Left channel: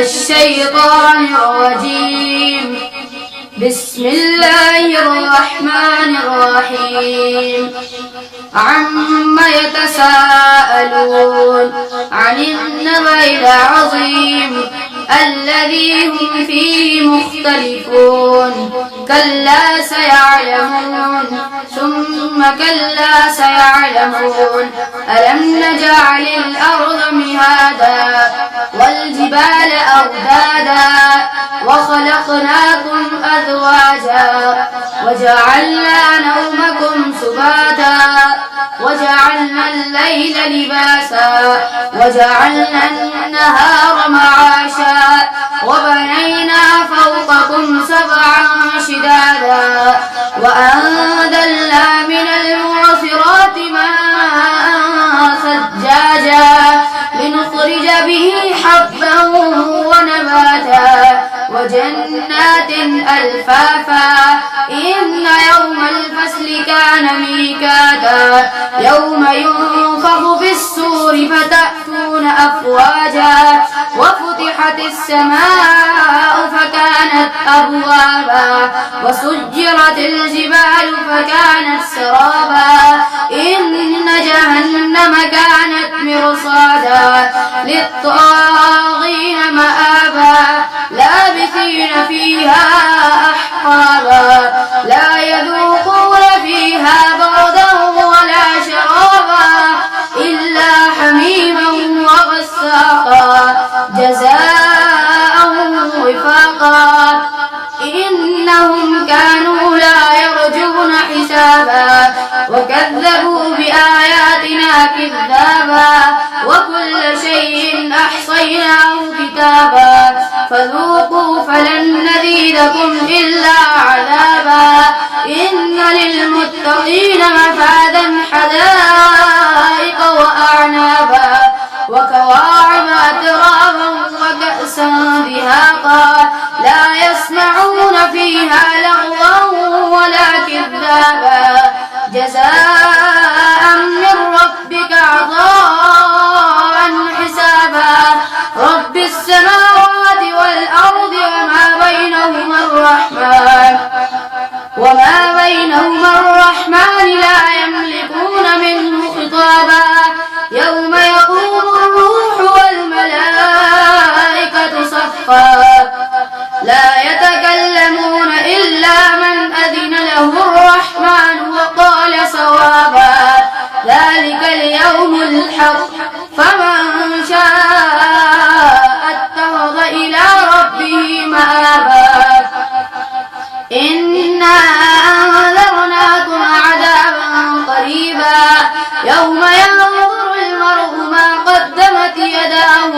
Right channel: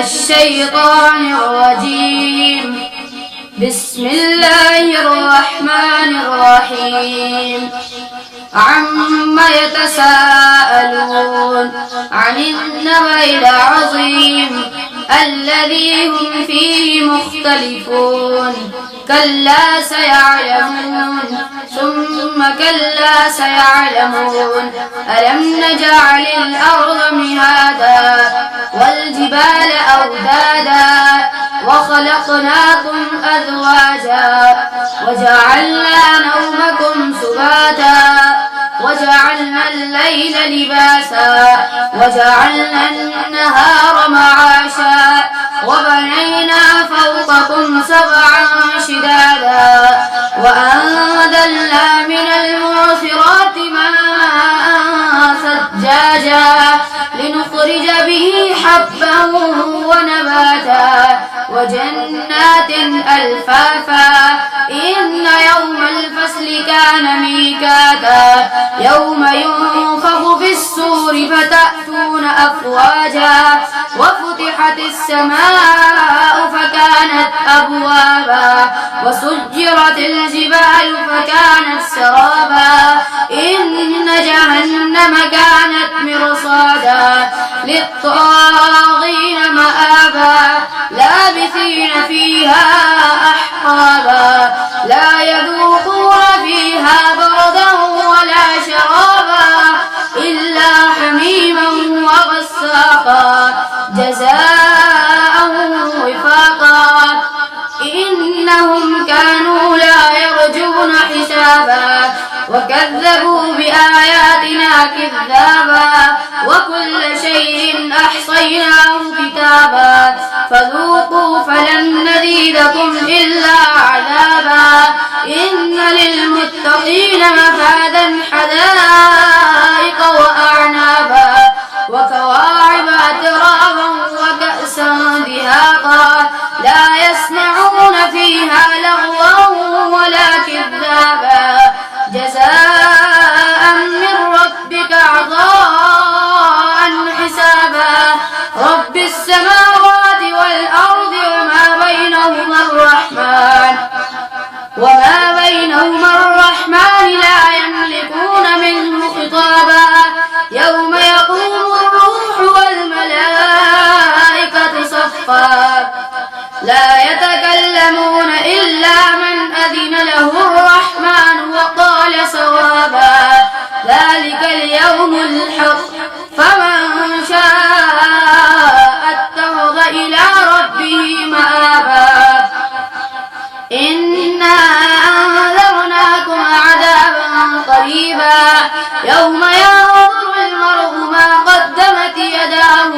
الشيطان الرجيم. بسم الله الرحمن الرحيم. عما يتساءلون عن النبأ العظيم الذي هم فيه مختلفون. كلا سيعلمون ثم كلا سيعلمون. ألم نجعل الأرض مهادا والجبال أوتادا وخلقناكم أزواجا وجعلنا نومكم سباتا وجعلنا الليل لباسا وجعلنا النهار معاشا وبنينا فوقكم سبعا شدادا وأنزلنا من المعصرات ماء ثجاجا لنخرج به حبا ونباتا وجنات ألفافا. إن يوم الفصل كان ميقاتا يوم ينفخ في الصور فتأتون أفواجا وفتحت السماء فكانت أبوابا وسجرت الجبال فكانت سرابا. إن جهنم كانت مرصادا للطاغين مآبا لابثين فيها أحقابا لا يذوقون فيها بردا ولا شرابا إلا حميما وغساقا جزاء وفاقا. إنهم كانوا لا يرجون حسابا وكذبوا بآياتنا كذابا وكل شيء أحصيناه كتابا فذوقوا فلن نزيدكم إلا عذابا. إن للمتقين مفازا حدائق وأعنابا وكواعب أترابا وكأسا دهاقا لا يسمعون فيها لغوا ولا كذابا جزاء من ربك عطاء حسابا. رب السماوات والأرض وما بينهما الرحمن لا يملكون منه خطابا. يوم يقوم الروح والملائكة صفا لا يتكلمون إلا من أذن له الرحمن وقال صوابا. ذلك اليوم الحق فمن شاء اتخذ إلى ربه مآبا. إنا أنذرناكم عذابا قريبا يوم ينظر المرء ما قدمت يداه